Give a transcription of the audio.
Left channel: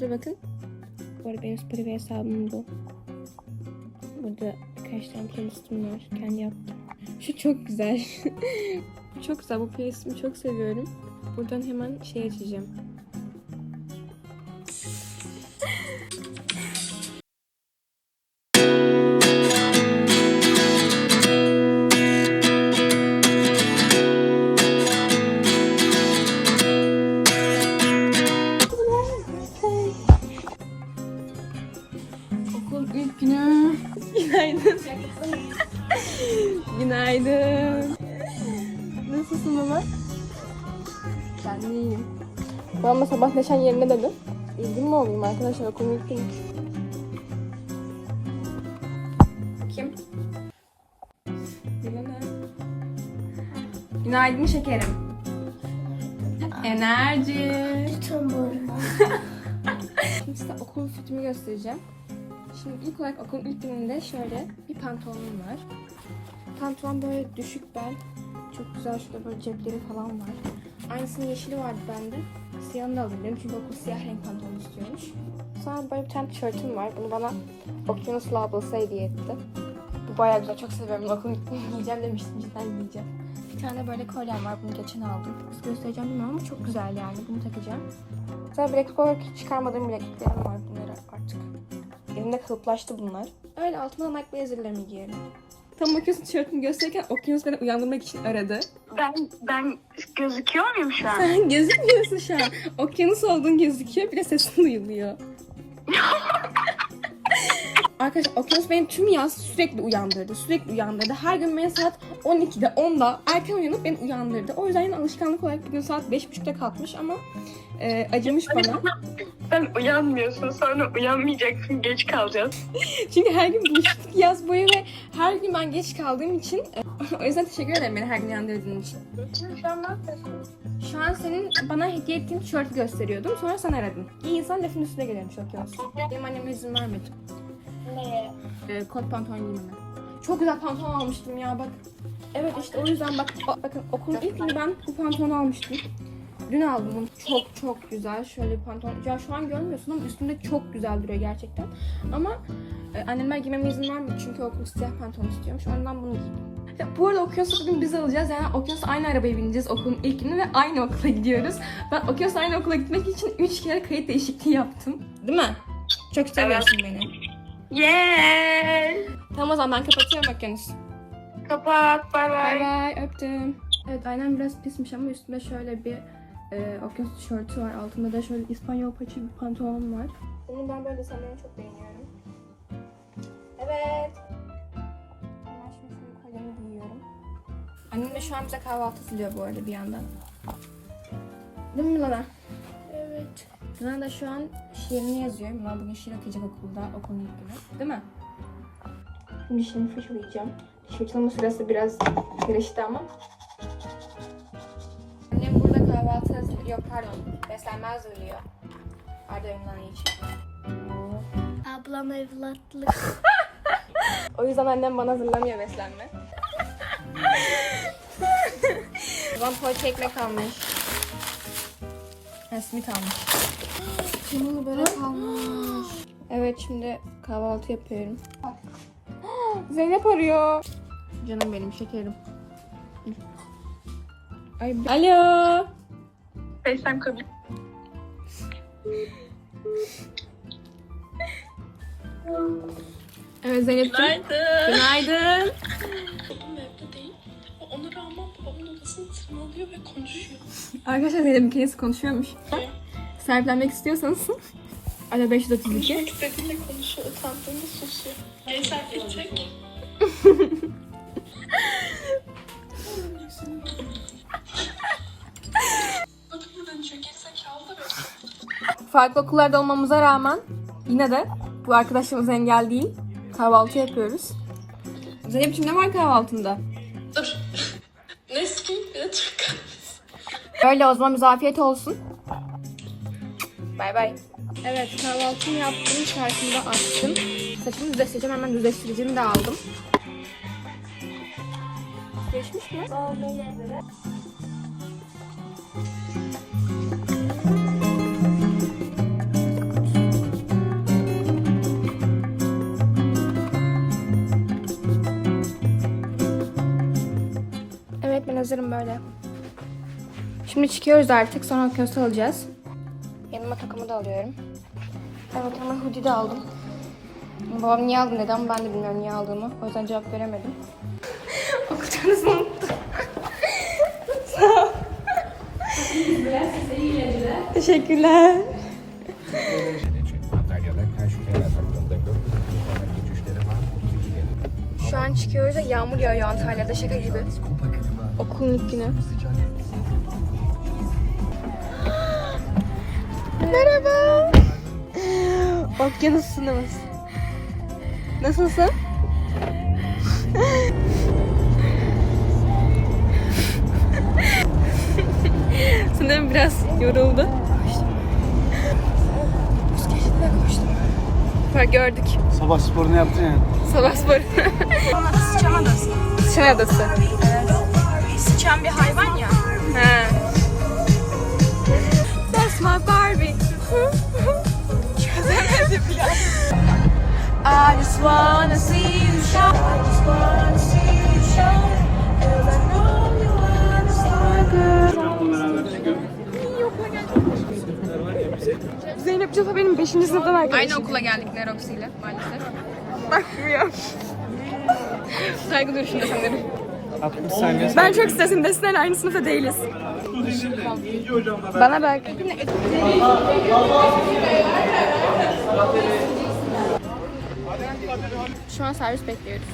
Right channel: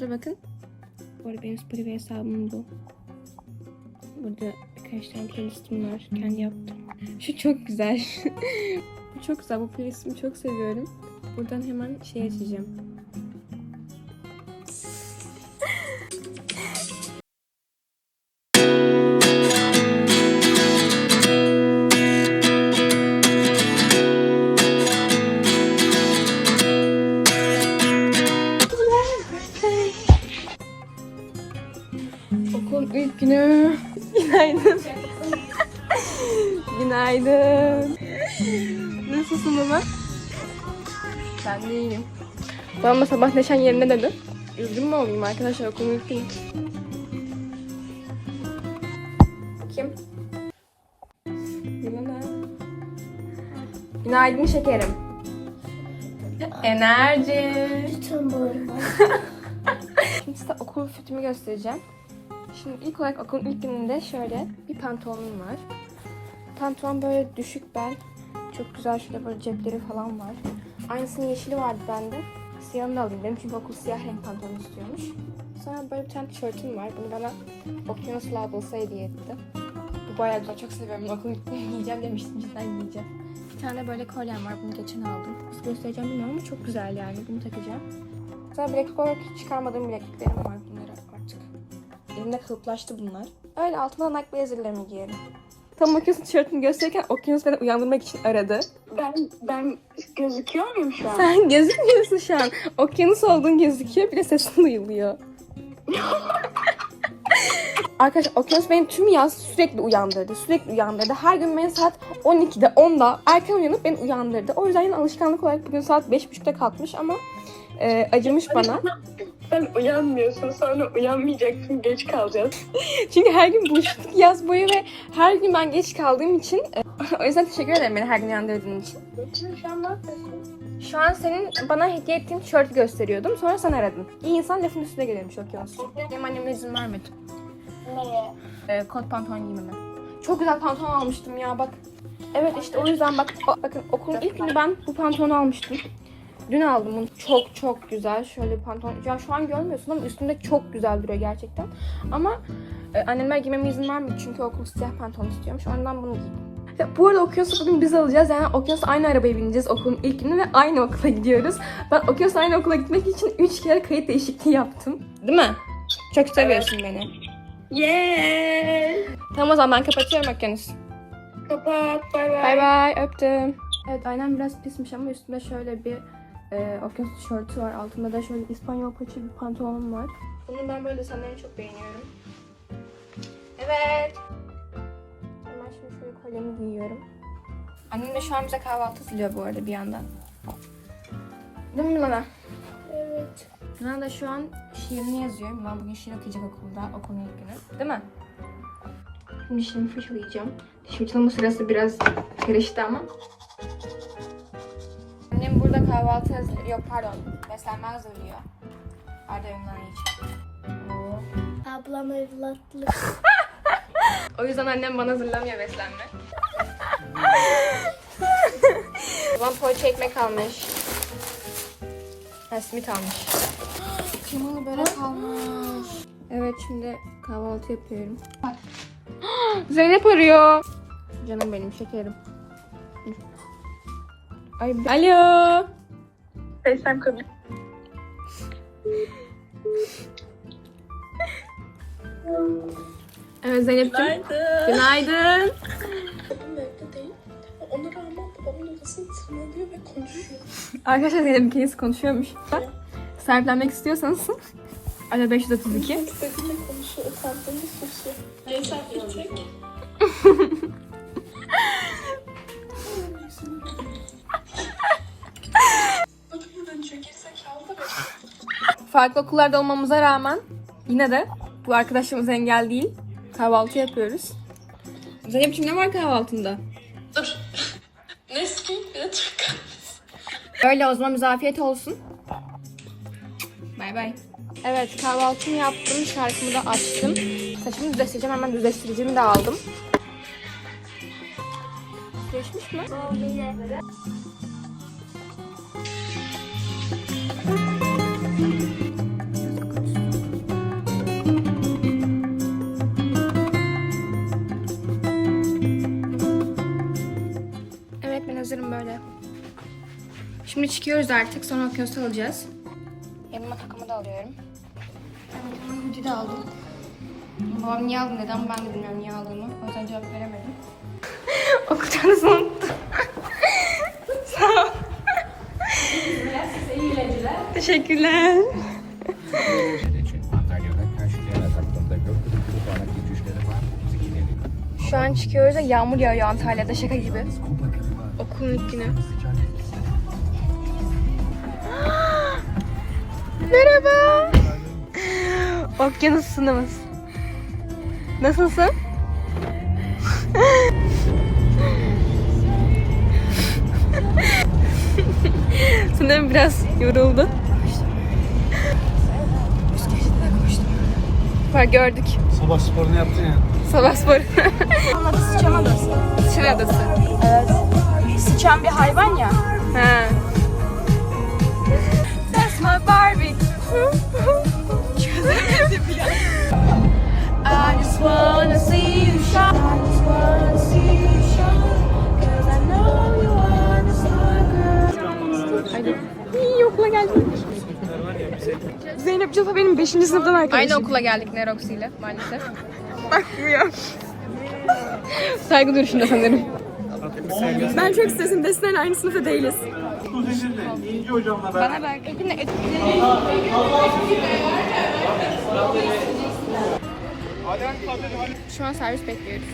Burada bakın. Bu arada benim Spotify hesabım bu. Burada birkaç tane playlistim var. Kendi yaptım. Şu çok güzel. Çok güzel. Bu playlistimi çok seviyorum. Buradan hemen şey açacağım. Okul ilk günü. Günaydın. Günaydın. Nasılsın baba? Ben de iyiyim. Babam sabah neşen yerine dedi. Üzgün mü olayım arkadaşlar okulun ilk günü. Kim? Günaydın şekerim. Enerji. Lütfen bağırma. Şimdi size okul fitimi göstereceğim. Şimdi ilk olarak okulun ilk gününde şöyle bir pantolonum var. Pantolon böyle düşük bel. Çok güzel şöyle böyle cepleri falan var. Aynısının yeşili vardı bende. Siyahını alayım dedim çünkü okul siyah renk pantolon istiyormuş. Sonra böyle bir tane tişörtüm var. Bunu bana Okyanus Labels'ı hediye etti. Bu bayağı güzel. Çok seviyorum. Okulun ilk giyeceğim demiştim. Cidden giyeceğim. Bir tane böyle kolyem var. Bunu geçen aldım. Göstereceğim bilmiyorum ama çok güzel yani. Bunu takacağım. Sonra bileklik olarak hiç çıkarmadığım bilekliklerim var bunları artık. Elimde kalıplaştı bunlar. Öyle altına Nike blazerlerimi giyerim. Tam Okyanus'un tişörtünü gösterirken Okyanus beni uyandırmak için aradı. Ben ben gözüküyor muyum şu an? Sen gözükmüyorsun şu an. Okyanus olduğun gözüküyor. Bir de sesin duyuluyor. Arkadaşlar Okyanus benim tüm yaz sürekli uyandırdı. Sürekli uyandırdı. Her gün beni saat 12'de 10'da erken uyanıp beni uyandırdı. O yüzden yine alışkanlık olarak bugün saat 5.30'da kalkmış ama e, acımış bana. Sen uyanmıyorsun sonra uyanmayacaksın geç kalacağız. Çünkü her gün buluştuk yaz boyu ve her gün ben geç kaldığım için e, o yüzden teşekkür ederim beni her gün uyandırdığın için. Şu an ne yapıyorsun? Şu an senin bana hediye ettiğin tişörtü gösteriyordum. Sonra sen aradın. İyi insan lafın üstüne gelirmiş Okyanus. Benim annem izin vermedi. Neye? e, kot pantolon giymeme. Çok güzel pantolon almıştım ya bak. Evet işte o yüzden bak bakın okulun ilk günü ben bu pantolonu almıştım. Dün aldım bunu. Çok çok güzel. Şöyle bir pantolon. Ya şu an görmüyorsun ama üstümde çok güzel duruyor gerçekten. Ama e, annemler giymeme izin vermedi çünkü okul siyah pantolon istiyormuş. Ondan bunu giydim. Ve bu arada Okyanus'u bugün biz alacağız. Yani Okyanus aynı arabaya bineceğiz okulun ilk günü ve aynı okula gidiyoruz. Ben Okyanus aynı okula gitmek için 3 kere kayıt değişikliği yaptım. Değil mi? Çok seviyorsun beni. Yeah. Tamam o zaman ben kapatıyorum Okyanus. Kapat. Bay Bay bay. bay öptüm. Evet aynen biraz pismiş ama üstünde şöyle bir e, okyanus tişörtü var. Altında da şöyle İspanyol paça bir pantolonum var. Bunu ben böyle desenlerini çok beğeniyorum. Evet. Hemen şimdi şöyle kolyemi giyiyorum. Annem de şu an bize kahvaltı hazırlıyor bu arada bir yandan. Değil mi Nana? Evet. Nana da şu an şiirini yazıyor. Ben bugün şiir okuyacak okulda, okulun ilk günü. Değil mi? Şimdi dişlerimi fırçalayacağım. Diş fırçalama sırası biraz karıştı ama. Pardon. Beslenme hazırlıyor. Pardon onların için. Ablam evlatlık. O yüzden annem bana hazırlamıyor beslenme. ben poğaça ekmek almış. Ha, simit almış. Şimdi böyle kalmış. Evet şimdi kahvaltı yapıyorum. Zeynep arıyor. Canım benim şekerim. Ay, Alo. FaceTime kabul. Evet Zeynep'ciğim. Günaydın. Babam evde değil. Ona rağmen babamın odasını tırmalıyor ve konuşuyor. Arkadaşlar Zeynep kendisi konuşuyormuş. Sahiplenmek istiyorsanız Alo 532. Konuşmak istediğinde konuşuyor, utandığında susuyor. Gençler gidecek. Farklı okullarda olmamıza rağmen yine de bu arkadaşımız engel değil. Kahvaltı yapıyoruz. Zeynep'ciğim ne var kahvaltında? Dur. Bir de Türk kahvesi. Öyle o zaman afiyet olsun. Bay bay. Evet kahvaltımı yaptım. Şarkımı da açtım. Saçımı düzleştireceğim. Hemen düzleştiricimi de aldım. Geçmiş mi? Manzaram böyle. Şimdi çıkıyoruz artık. Sonra okyanusu alacağız. Yanıma takımı da alıyorum. Evet hemen hoodie de aldım. Babam niye aldı neden ben de bilmiyorum niye aldığını. O yüzden cevap veremedim. Okutacağınızı unuttum. Teşekkürler. Şu an çıkıyoruz da yağmur yağıyor Antalya'da şaka gibi. Okulun günü. Merhaba. Okyanus sınavımız. Nasılsın? Sanırım biraz yoruldu. Ha gördük. Sabah sporunu yaptın ya. Sabah spor. Adı sıçan adası. Sıçan adası. Evet. Sıçan bir hayvan ya. Ha. That's my Barbie. I just wanna see you shine. I just wanna see you shine. Cause I know you are a star girl. İyi okula geldik. Zeynep Cila benim 5. sınıftan arkadaşım. Aynı okula geldik Nerox ile maalesef. Saygı duruşunda sanırım. 60 saniye. Ben çok istedim. Desene aynı sınıfta değiliz. Bana bak. Şu an servis bekliyoruz.